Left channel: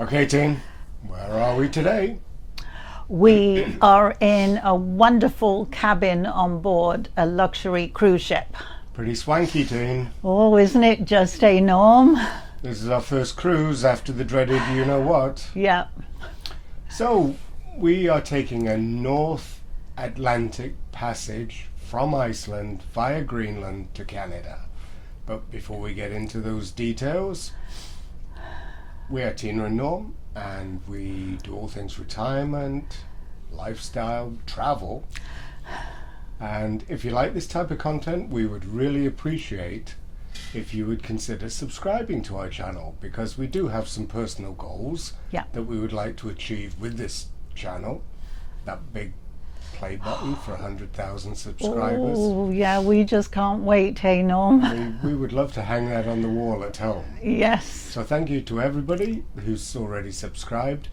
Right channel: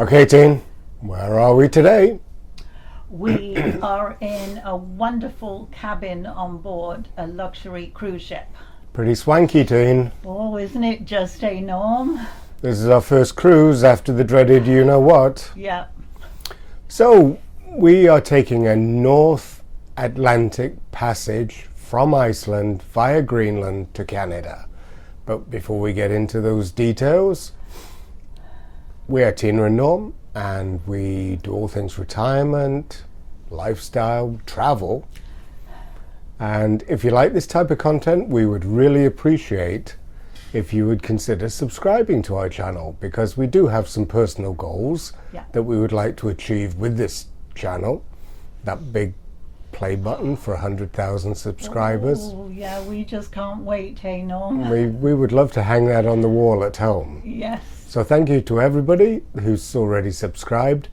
Okay, Tin, where are we today? We are in a wonderful cabin on board a luxury cruise ship. Pretty swanky, Tin. Oh, isn't it just a norm? This is our first cruise after the dreaded you-know-what. Yeah. So, we are taking a North Atlantic passage from Iceland via Greenland to Canada. But before we get into those details, we are Tina and Norm, and we do all things retirement, lifestyle, travel. And if you like this type of content, we would really appreciate if you would consider subscribing to our channel, because we do have some personal goals that we would like to achieve with this channel. That big play button for 100,000 subscribers. Oh, yeah, we just can't wait, hey Norm? We would love to hang that on the wall at home. Yes. So thank you to everybody who's already subscribed.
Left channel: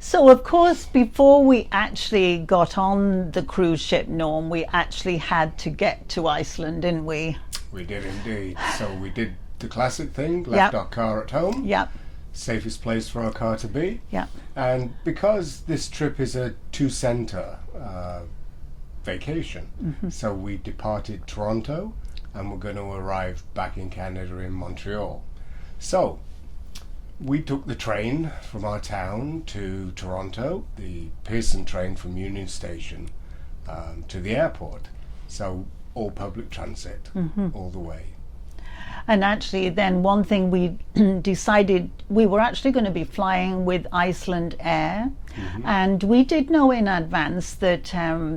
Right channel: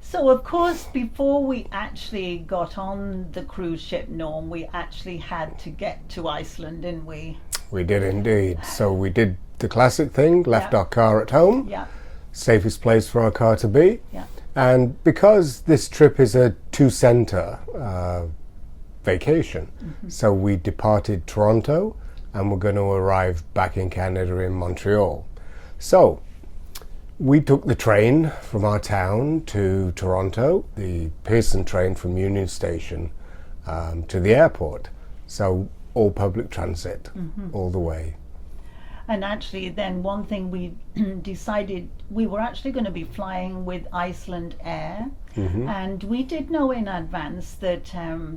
So, of course, before we actually got on the cruise ship, Norm, we actually had to get to Iceland, didn't we? We did indeed. So we did the classic thing, left our car at home. Yeah. Safest place for our car to be. Yeah. And because this trip is a two-center vacation, so we departed Toronto and we're going to arrive back in Canada in Montreal. So we took the train from our town to Toronto, the Pearson train from Union Station to the airport. So all public transit all the way. And actually, then one thing we decided, we were actually going to be flying with Iceland Air. And we did know in advance that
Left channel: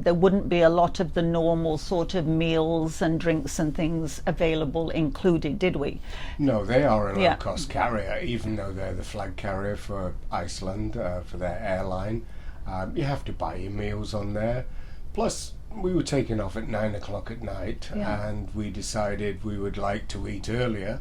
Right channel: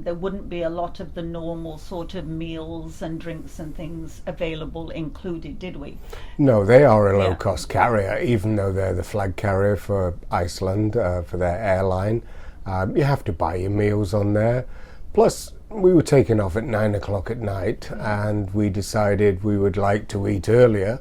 there wouldn't be a lot of the normal sort of meals and drinks and things available included, did we? No, they are a low-cost carrier, even though they're the flag carrier for Iceland, for their airline. You have to buy your meals on there. Plus, we were taking off at 9 o'clock at night, and we decided we would like to eat earlier.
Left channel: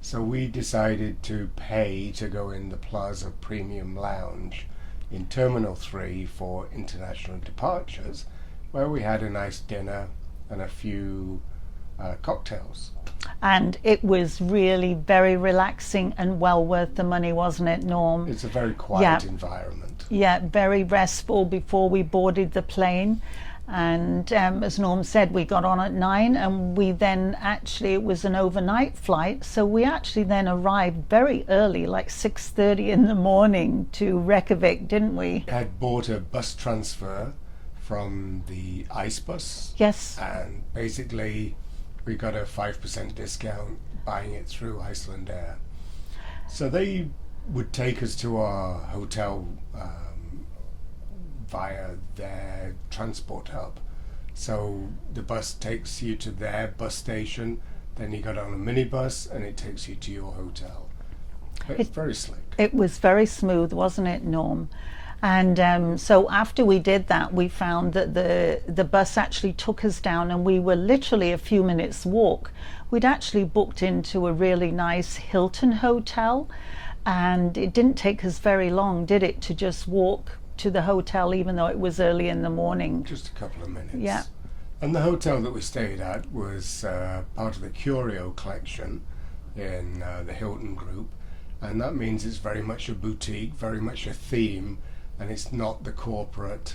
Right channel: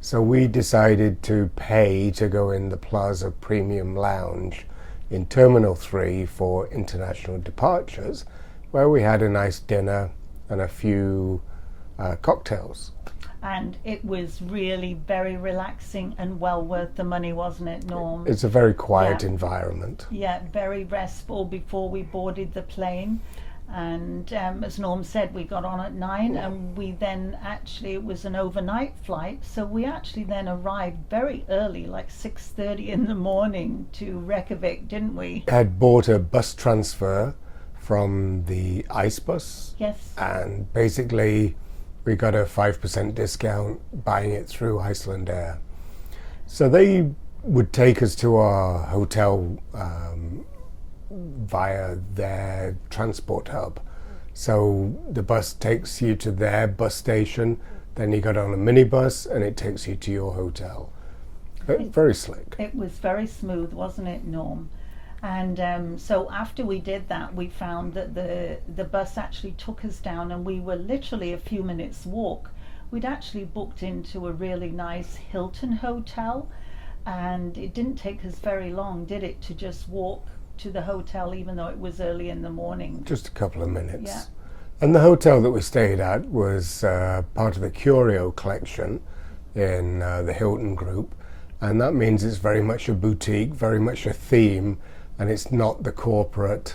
So we decided to pay to go in the Plaza Premium Lounge in Terminal 3 for international departures, where we had a nice dinner and a few cocktails. And it was really very relaxing and well worth the money, wasn't it, Norm? It's a very quiet environment. Yeah, very restful before we boarded the plane. And as Norm said, we got on at 9, and we then actually, it was an overnight flight, so we actually then arrived very early, like 6:30 in the morning, to Reykjavik, didn't we? Had bought a bus transfer from the ice bus. Yes. And basically we got a 5% discount buying it through Iceland Air. So they would take us to our hotel via their transport hub. So the bus takes you to their bus station, then you got on a minibus and it takes you to your hotel. It's very slick. It was very smooth, wasn't it, Norm? And so after we did that, we found that the bus actually took us down, and we were literally a few minutes walk. We'd actually booked into a really nice Hilton hotel, and it didn't take us very long, did it, to just walk to the hotel, even though it was early in the morning. Just a couple of minutes. Yeah. And the hotel that we stayed at was part of the Curio collection in the Hilton group, and that means it's very much a boutique, very much a theme, and it's not the corporate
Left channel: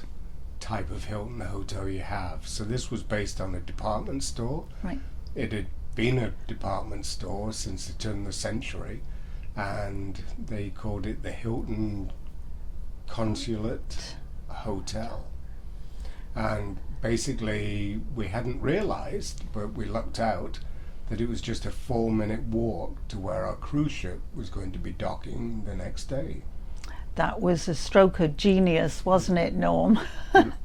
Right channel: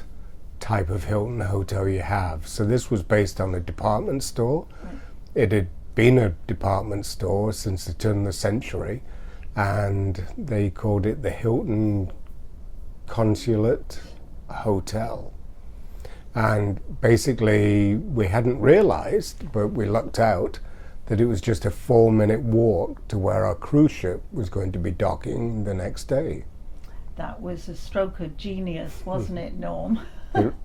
type of Hilton hotel you have. So this was based on a department store. Right. It had been a department store since the turn of the century, and they called it the Hilton Consulate Hotel. And basically we hadn't realized, but we lucked out, that it was just a 4-minute walk to where our cruise ship was going to be docking the next day. That was a stroke of genius, wasn't it, Norm?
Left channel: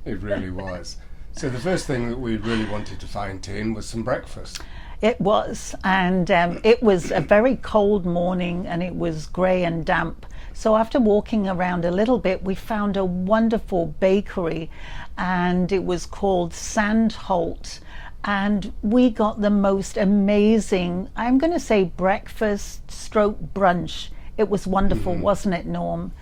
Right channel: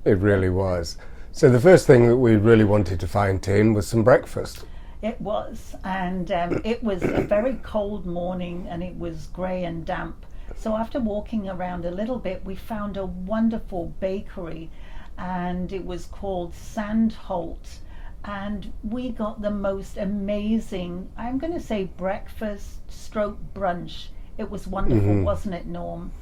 It really was. So the first thing that we really wanted to find, Tin, was some breakfast. It was, and it was a very cold morning, and it was grey and damp. So after walking around a little bit, we found a wonderful bakery, and it was called Sandholt. And we got the most amazing, I'm going to say, breakfast stroke brunch. It was wonderful, wasn't it, Norm?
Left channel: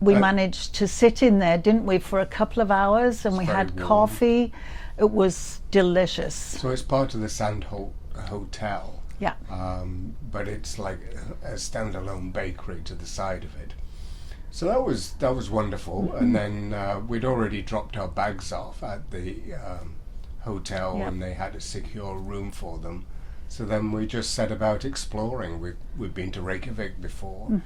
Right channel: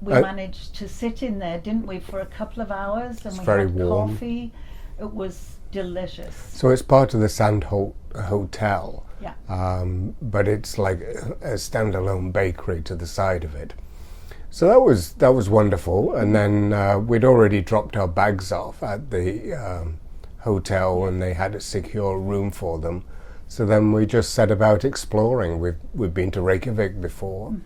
We managed to sit in there, didn't we, for a couple of hours, and we had coffee. It was delicious. So it's part of the Sandholt Hotel. Yeah. But it's like a standalone bakery to the side of it. So that was wonderful, and then we'd already dropped our bags off at the hotel, and they had a secure room for them. So then we just set about exploring. We've been to Reykjavik before.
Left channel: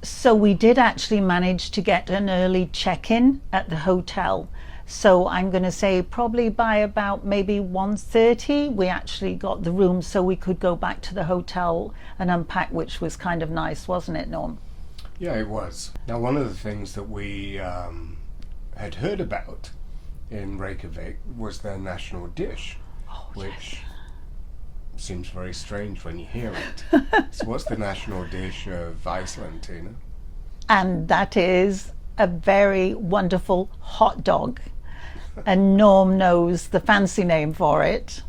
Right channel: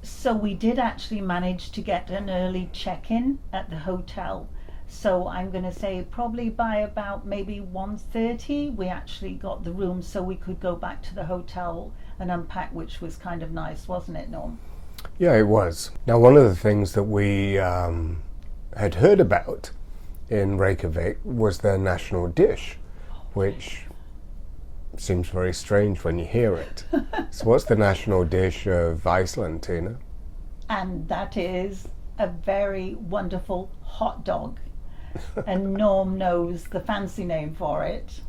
So we did actually manage to get an early check-in at the hotel. So I'm going to say probably by about maybe 1:30 we actually got the room so we could go back to the hotel and unpack, which was kind of nice, wasn't it, Norm? Yeah, it was. Now, one of the things that we had heard about in Reykjavik was their national dish, which seems very strange when you hear it. So what's the national dish of Iceland, Tina? And that is a very wonderful hot dog. And Norm knows the fancy name for it.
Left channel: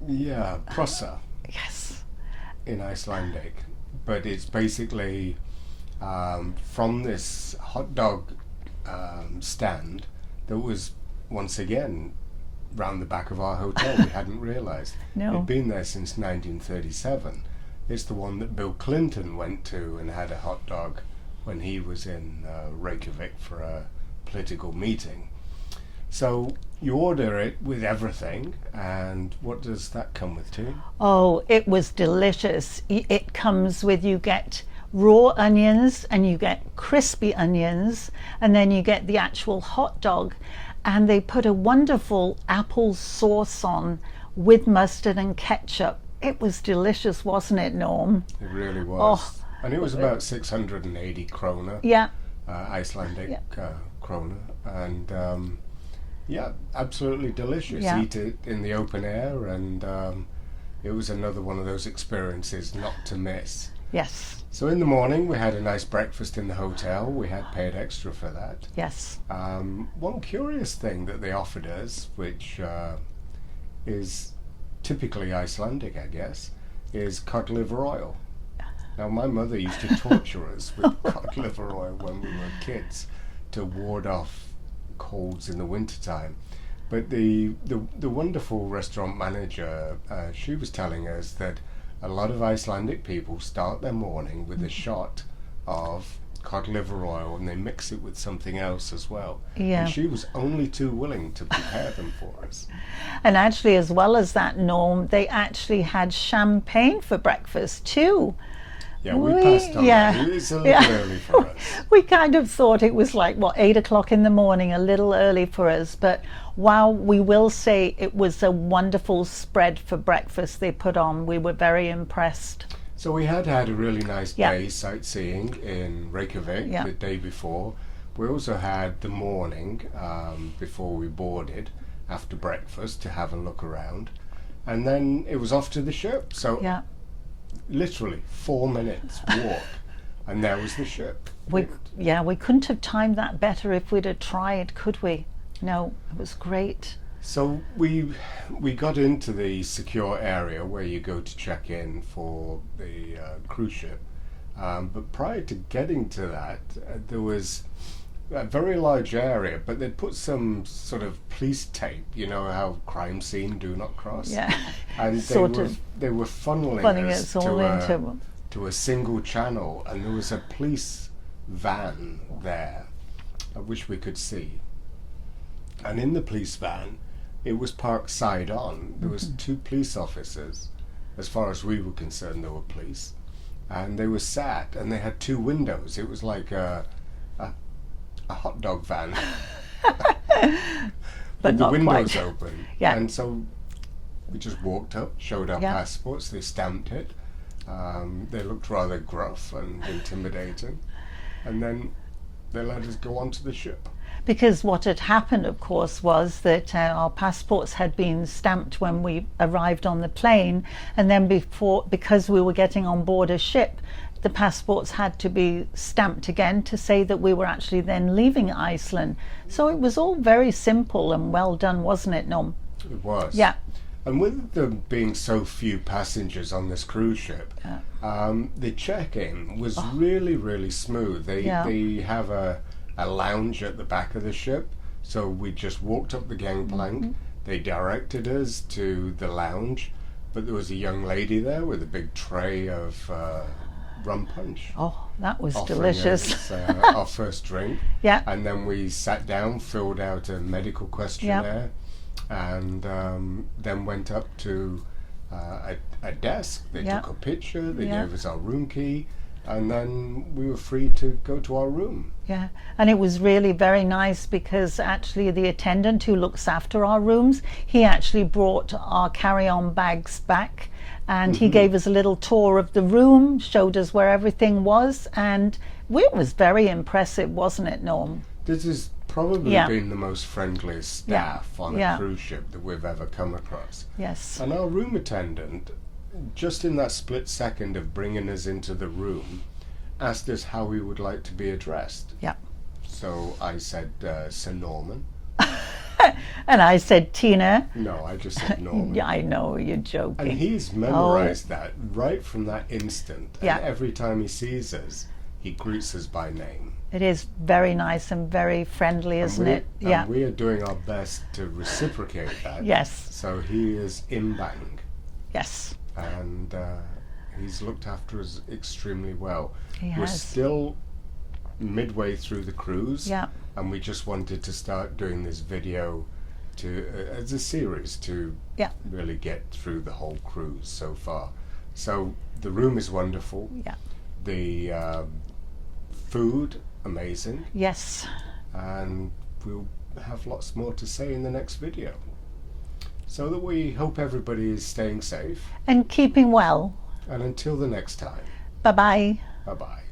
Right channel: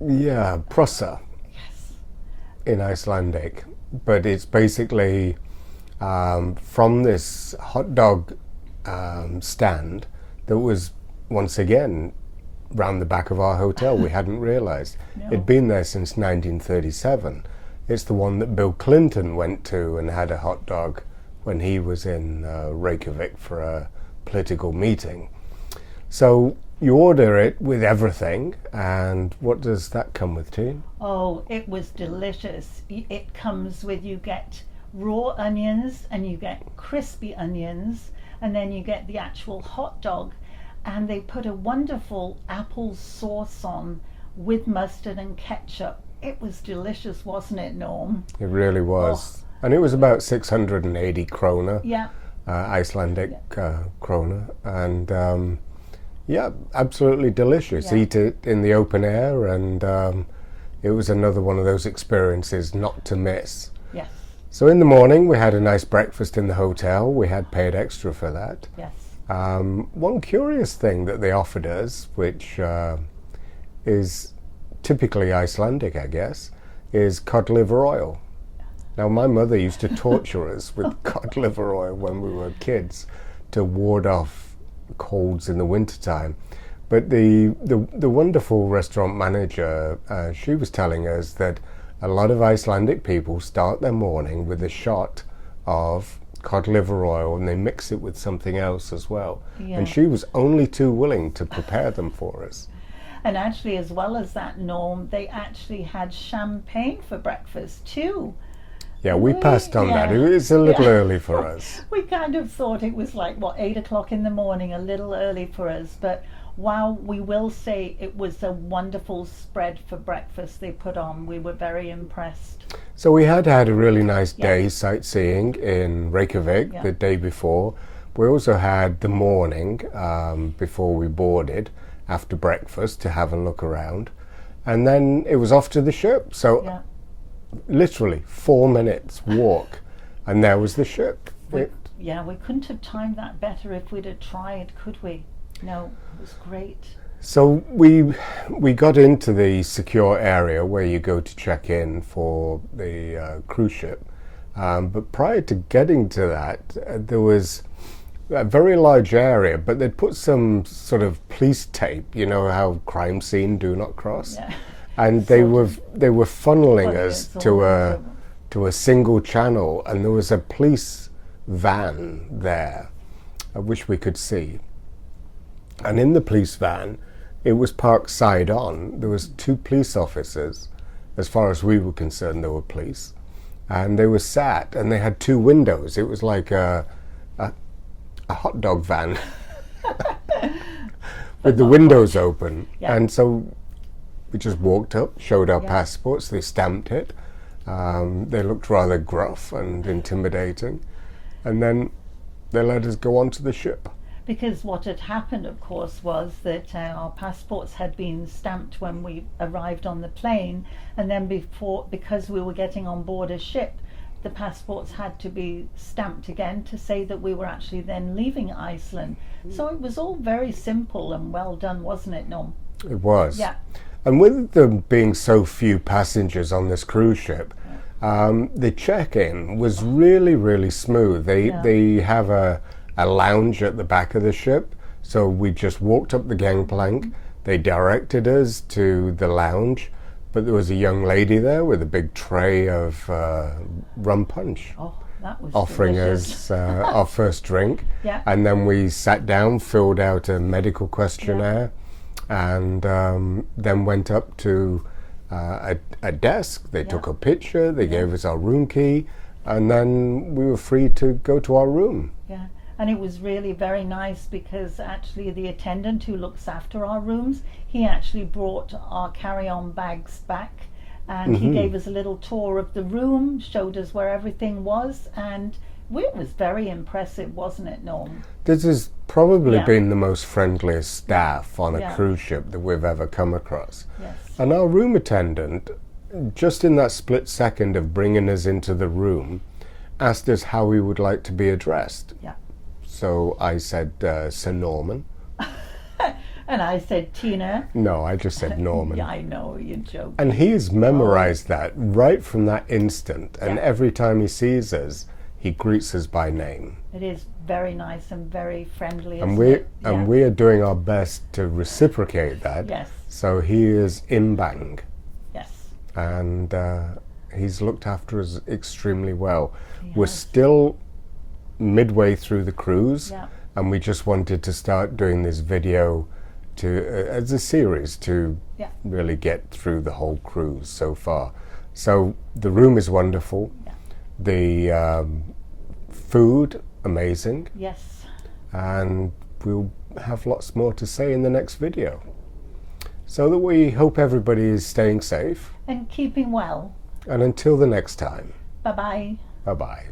Yeah, prosa. Yes. In Icelandic, but it's basically from this hot dog stand that was once again round the back of our hotel. We hadn't realized. No. It'd been there since 1937. It's the one that Bill Clinton went to and had a hot dog when he was in Reykjavik for a political meeting. So you order it with everything, and what does that come with, too? Oh, it was delicious. It comes with, you get raw onions and you get crispy onions, and then you get the actual hot dog, and they put a wonderful apple sauce on with mustard and ketchup. It was delicious, wasn't it, Norm? It really was. Oh. And it was about 680 krona, Yeah. Icelandic krona, and yeah, absolutely delicious. Yeah. Eat it in the open air, and it was another one of those experiences not to miss. Yes. So in the morning we had a nice breakfast in the hotel. We had paid extra for that. Yes. One curious thing that they offered us, which is typically Icelandic, I guess, is cod liver oil. Now, my mother used to torture us with cod liver oil when we were kids to ward off colds in the wintertime. But the wonderful restaurant manager, she was telling us that a lot of Icelandic people start their morning with a shot of cod liver oil, and they mix it with something else as well. Yeah. And she was only too willing to prepare them for us. And actually, as well as that, Norm, they actually had champagne for breakfast too. Yeah, we passed on that. It's a little early for us. We kind of thought it was like, 8 o'clock in the morning, a little early for us. But wow, we will say it was a wonderful spread for breakfast they put on. We were very impressed. So we had a really nice day sightseeing in Reykjavik the day before. We also had the morning before we boarded, after breakfast, to have a look around. And then it was off to the ship. So literally 4 minutes walk, and there was the ship. We couldn't have timed that better if we'd have tried, could we? No, it was great. So we got into the secure area where you go to check in for the cruise ship, but prior to getting to that, there was a very large area, but they'd put some sort of police tape, you know how crime scene, do not cross. Yeah. And they were funneling us to a single channel, and there was a police van there, which we could see. And in the police van, it was parked side on. There was 2 police officers. As far as we were concerned, there were police, and they were sat, and they had 2 windows. It was like a hot dog van with the windows open. Yeah. And so we just walked up, showed our passports, they stamped it. They looked rather gruff and intimidating. And then they let us go onto the ship. Because what had happened, of course, was that our passports had been stamped when we arrived on the plane, and then because we were getting on board a ship, the passports had to be stamped again to say that we were actually then leaving Iceland. So it was all very simple and well done, wasn't it, Norm? It was. Yeah. And with there being so few passengers on this cruise ship, the check-in was really, really smooth. They have a lounge at the back of the ship, so we just walked up the gangplank. They directed us to the lounge. But there was a young lady there with a big tray of rum punch, Oh, that was offering delicious. us our first drink. Yeah. And then we sat down, filled out a medical questionnaire, and then went up to a desk. They took a picture, they gave us our room key, and then we were free to go to our room. Yeah, and it was really very nice because actually the attendant who looks after our rooms, he actually brought our carry-on bags back, and he gave us a little tour of the room, showed us where everything was, and it was very impressive, wasn't it, Norm? This has probably been the most friendliest staff on a Yeah. cruise ship that we've ever come across. Yes. And our room attendant, just in that split second of bringing us into the room, asked us how we would like to be addressed. Yeah. So I said, Sir Norman. And I said, Tina. No, I just said Norman. Yeah, I know, you're joking. And he's memorized that right from that instant. And every time he sees us, he greets us by name. It is very nice and very friendly, And isn't it? and we are doing our best to reciprocate that. Yes. So he is imbang. Yes. And he's looked after us extremely well. He We're has. still midway through the cruise, Yeah. and we just wanted to start doing this video to as a series to really get through the whole cruise so far. So the room is wonderful. Yeah. The food, amazing. Yes. And we'll have lots more to say in the next video. So that we hope everybody is staying safe. And keeping well. And until the next time, Bye-bye. bye-bye.